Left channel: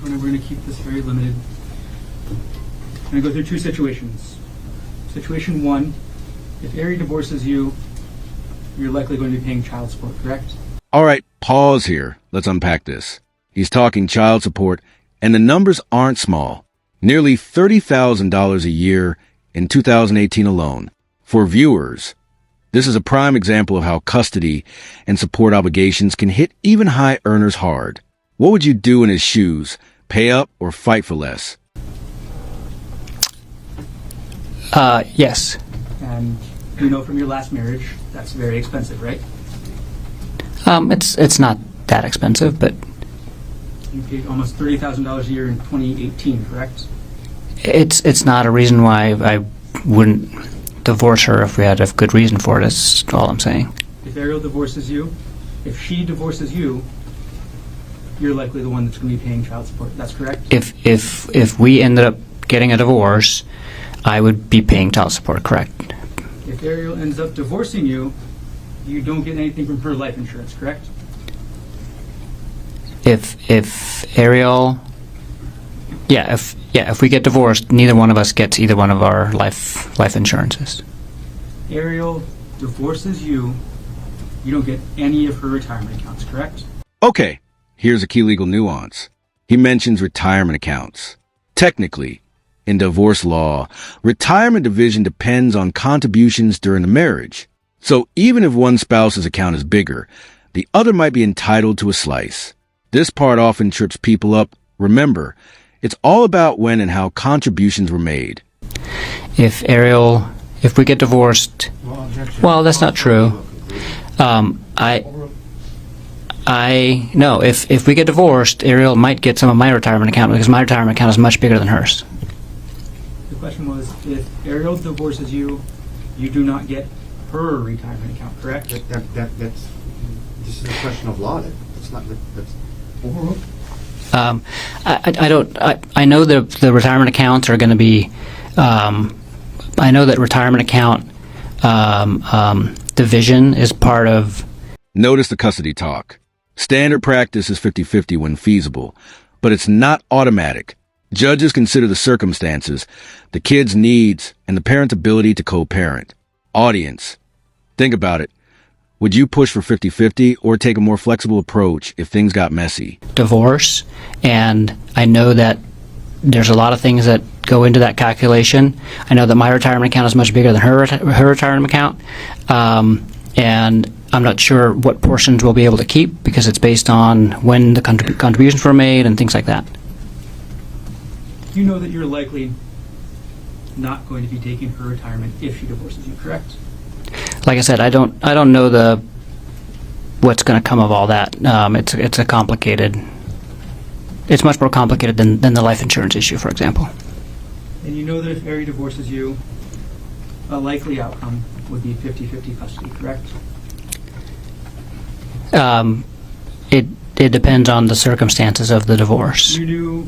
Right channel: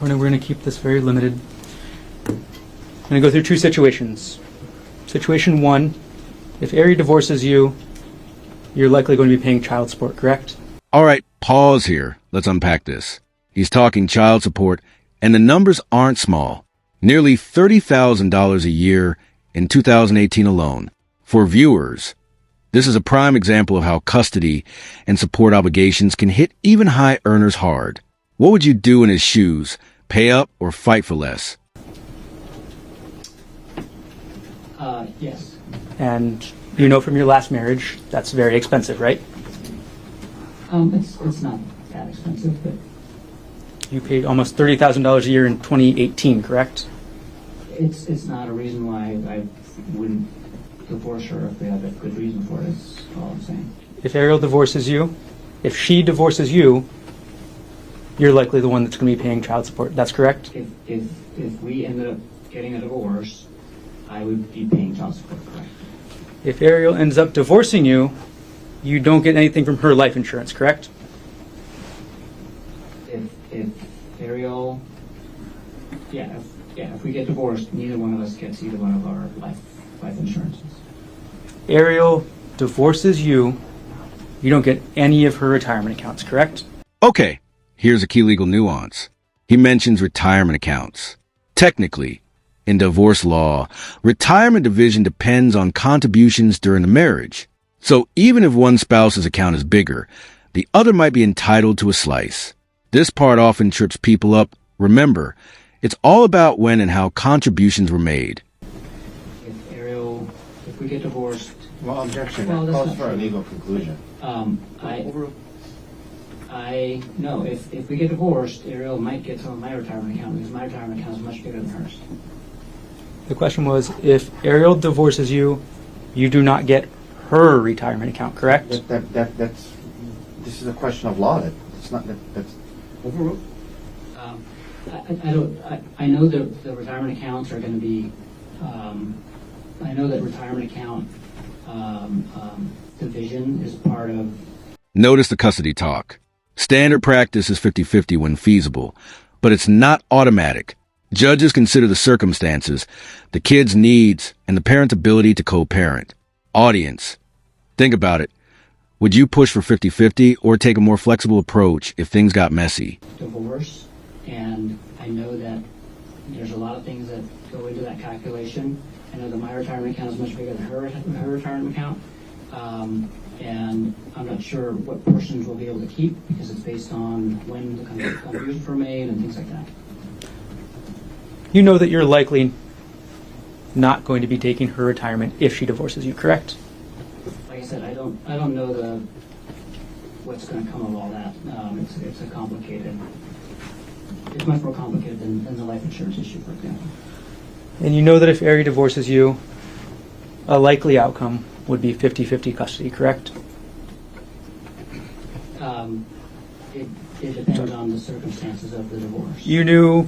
Koenig, we're going to keep this very limited. I'm going to go through two situations. Situation one, if Ari divorces you, you're likely going to be paying child support, correct? All right, pause here. Let's unpack this. He's talking child support, and the numbers aren't small. Nearly $30,000 a year in 2018 alone. For viewers, this is a prime example of how custody and support obligations can hit even high earners hard. What would you do in his shoes? Pay up or fight for less? Yes. And you know from your last marriage, that's very expensive, right? It's not that expensive, but You paid almost $30,000 a year in 2018, correct? it's not a reason why I wouldn't divorce her if we had a good reason for it. That's all I'm saying. If Ariel divorces you, if she divorces you, you're likely the one that's going to be paying child support. That's correct? If we ended up getting a divorce, I would be paying child support, correct? If Ariel ends up divorcing you, you don't get anything from her life insurance, correct? If Ariel, if we get divorced, neither one of us gets either one of our life insurances. Ariel divorces you, you don't get any of her retirement accounts, correct? Okay, here's a key legal nuance. He mentions retirement accounts. Technically, in divorce law, retirement division depends on contributions during the marriage. So even if one spouse's account is bigger, the other might be entitled to a slice. This part often trips people up. Remember, it's all about when and how contributions were made. If we get divorced, well, that's not true. If we get divorced, Ariel might get some of my retirement account because my retirement account is much bigger than hers. The question was, if Ariel divorces you, you do not get her retirement account, correct? This is a question of law. It's not that's overruled. I know that the retirement accounts are going to be. I know that retirement account division is part of. Notice the custody talk. Standard practice is 50-50 when feasible, but it's not automatic. Judges consider the circumstances, the kid's needs, and the parent's ability to co-parent. Audience, think about it. Would you push for 50-50 or take a more flexible approach if things got messy? Divorce, and I know that there's a lot of things that go into that calculation. I know that my retirement account is much bigger than her retirement account, and I'm not sure what portions we'll be able to keep because it's based on when the contributions were made and things like that. You know that you're likely not going to be taking her retirement if she divorces you, correct? Like I said, I don't know what's going to come of all that. It's a complicated. It's much more complicated than the life insurance issue, for example. And you know that if Ari divorces you, a likely outcome would be 50-50 custody, correct? It depends on the circumstances of the divorce. You knew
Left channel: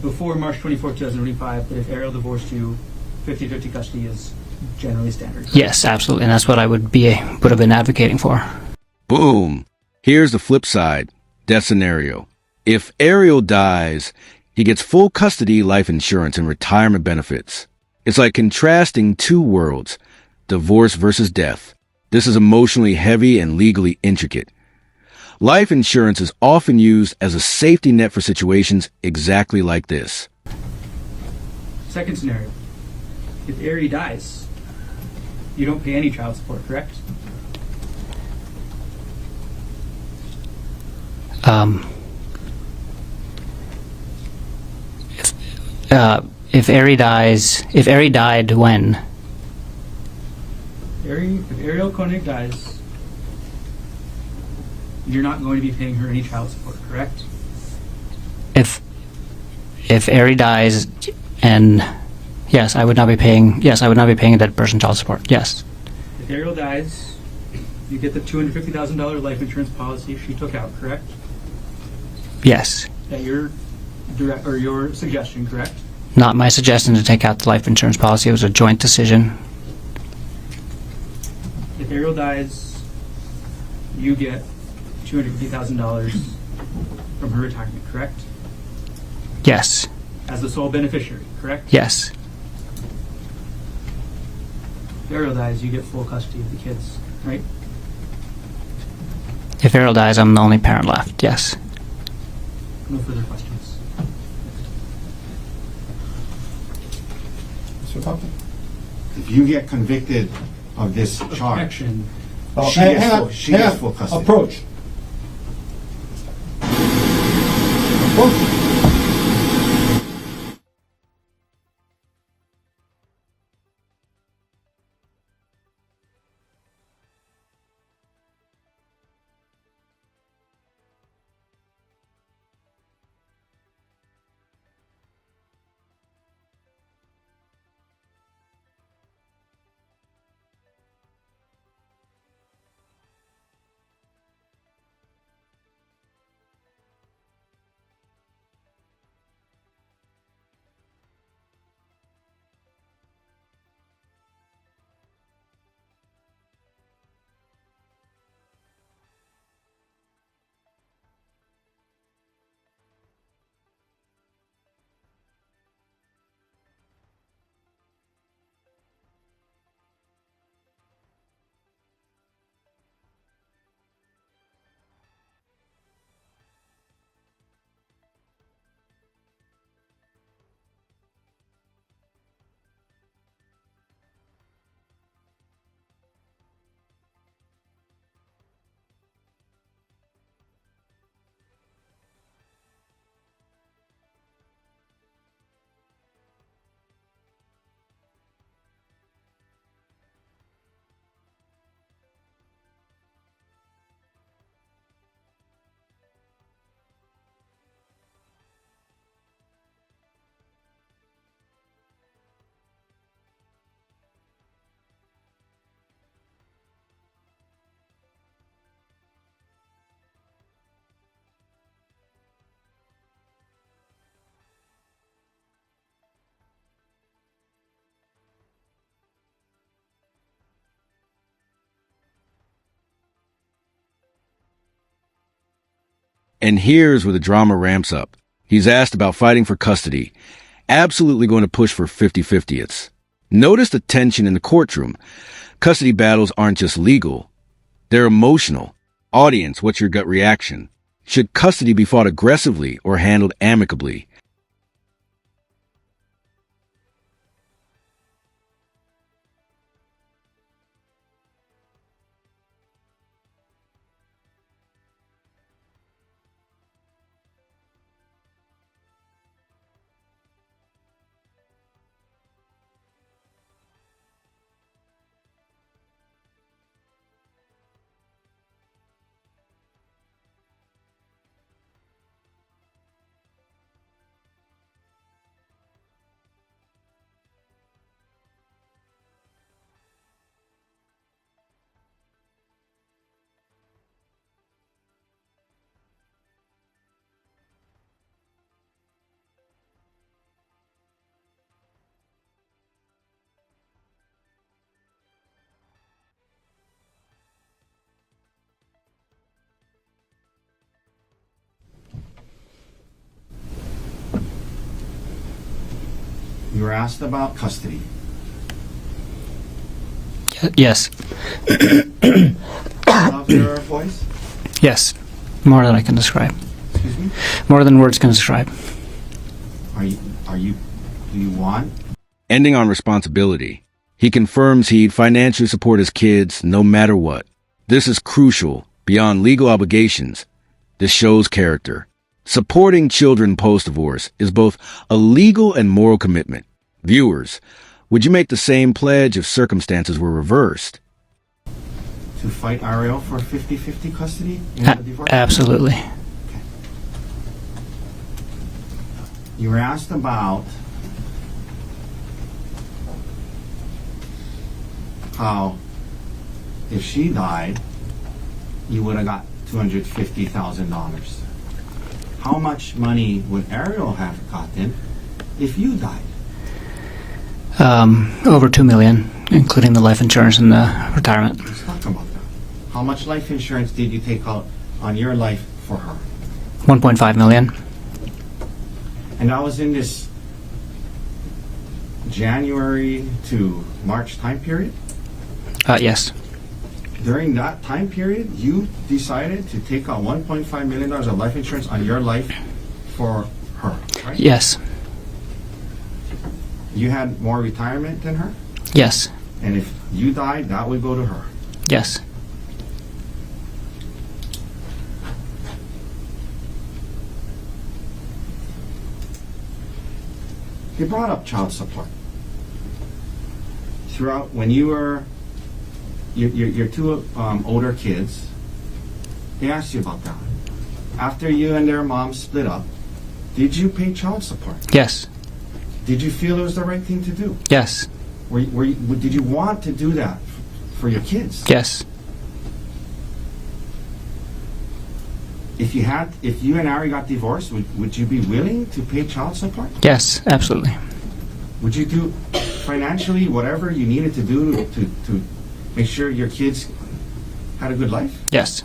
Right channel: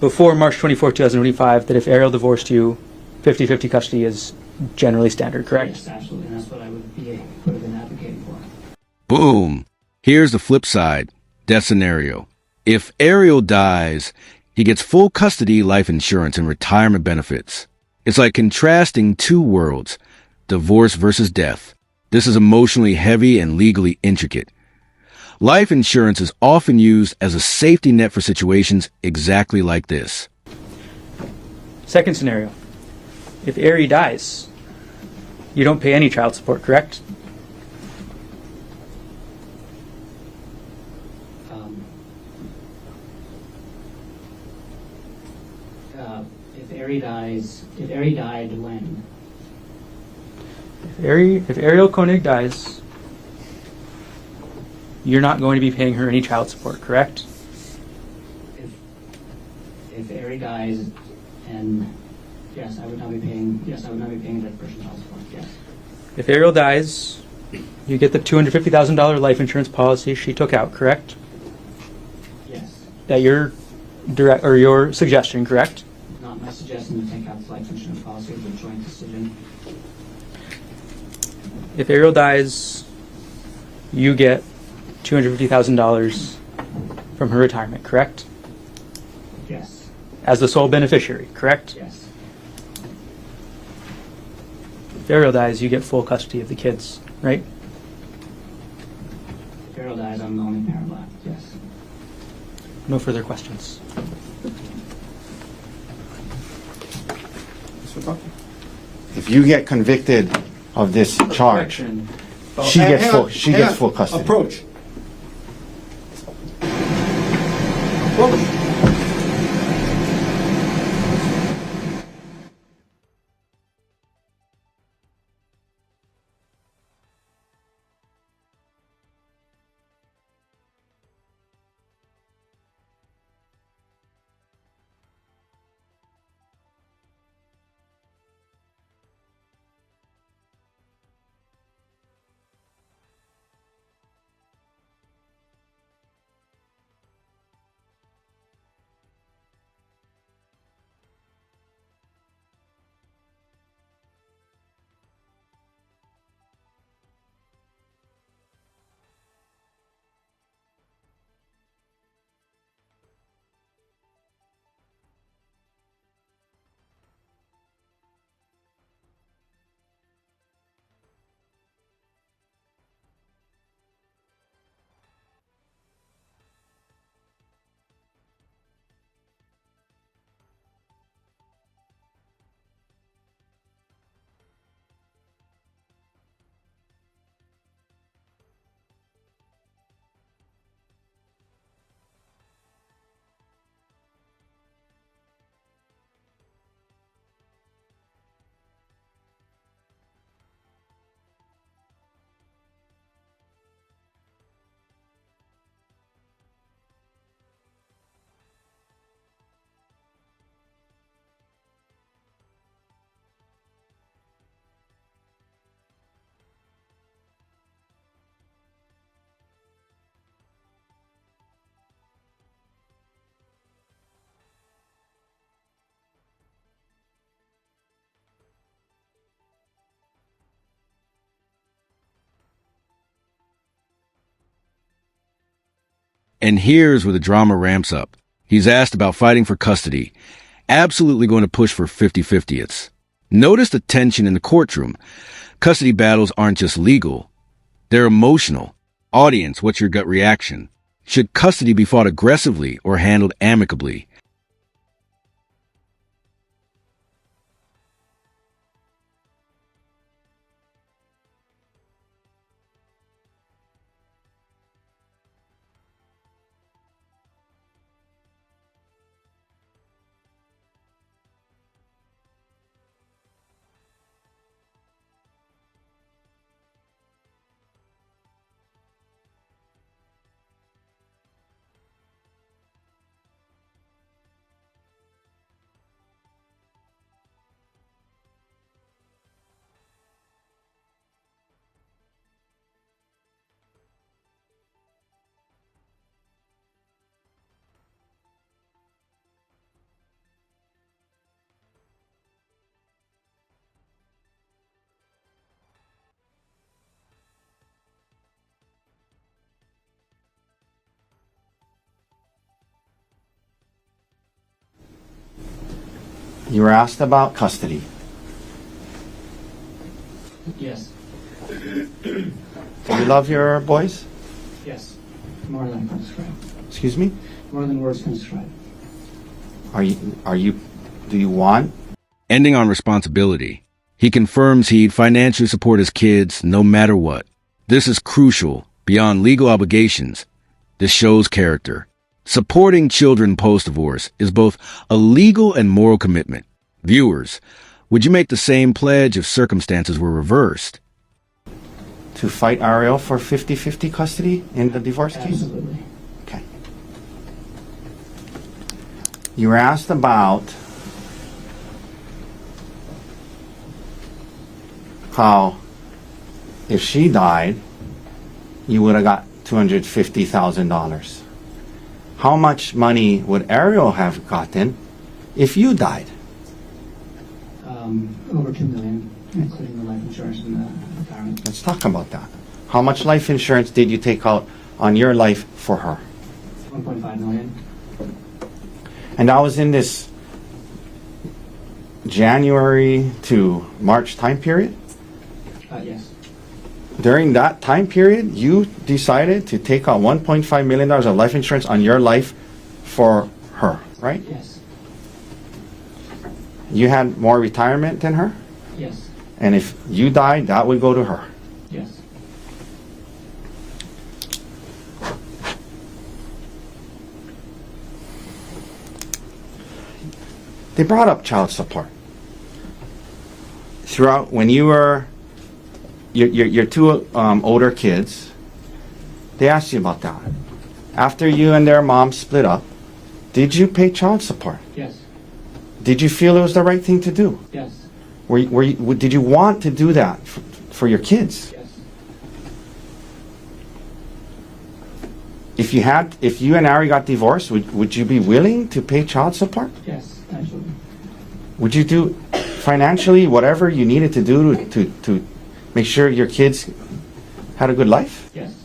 before March 24, 2025 that if Ariel divorced you, 50-50 custody is generally standard, correct? Yes, absolutely, and that's what I would have been advocating for. Boom! Here's the flip side. Death scenario. If Ariel dies, he gets full custody, life insurance, and retirement benefits. It's like contrasting two worlds, divorce versus death. This is emotionally heavy and legally intricate. Life insurance is often used as a safety net for situations exactly like this. Second scenario. If Ari dies, you don't pay any child support, correct? If Ari died when? If Ariel Koenig dies, you're not going to be paying her any child support, correct? If Ari dies, and yes, I would not be paying a dead person child support. Yes. If Ariel dies, you get the $250,000 life insurance policy she took out, correct? Yes. At your suggestion, correct? Not my suggestion to take out the life insurance policy. It was a joint decision. If Ariel dies, you get $250,000 from her retirement, correct? Yes. as the sole beneficiary, correct? Yes. If Ariel dies, you get full custody of the kids, right? If Ariel dies, I'm the only parent left. Yes. No further questions. Mr. Tucker? If you get convicted of this charge, Correction. she gets full custody. Approach. Approach. And here's where the drama ramps up. He's asked about fighting for custody, absolutely going to push for 50-50ths. Notice the tension in the courtroom. Custody battles aren't just legal, they're emotional. Audience, what's your gut reaction? Should custody be fought aggressively or handled amicably? You were asked about custody. Yes. You love your boys? Yes. More than I can describe. Excuse me? More than words can describe. Do you want? Ending on responsibility. He confirms he'd financially support his kids no matter what. This is crucial, beyond legal obligations. This shows character. Supporting children post-divorce is both a legal and moral commitment. Viewers, would you make the same pledge if circumstances were reversed? To fight Ariel for 50-50 custody in the divorce? Absolutely. Okay. You were asked about how if she died, you would have got $250,000. How much money would Ariel have gotten if you died? Over $2 million, including the life insurance and the retirement. Let's talk about that. How much life insurance did you take out on your life for her? $1.5 million. And that was in this January to March time period. Yes. During that time period, you decided to take out $1.5 million of life insurance on your life for her, right? Yes. You had more retirement than her, Yes. and if you died, that would go to her. Yes. They brought up child support. Throughout, when you were your two older kids, they asked you about that. After you and their mom split up, did you pay child support? Yes. Did you feel it was the right thing to do? Yes. Did you want to do that for your kids? Yes. If you and Ari got divorced, would you be willing to pay child support? Yes. Absolutely. Would you do financially whatever you needed to do to make sure your kids had a good life? Yes.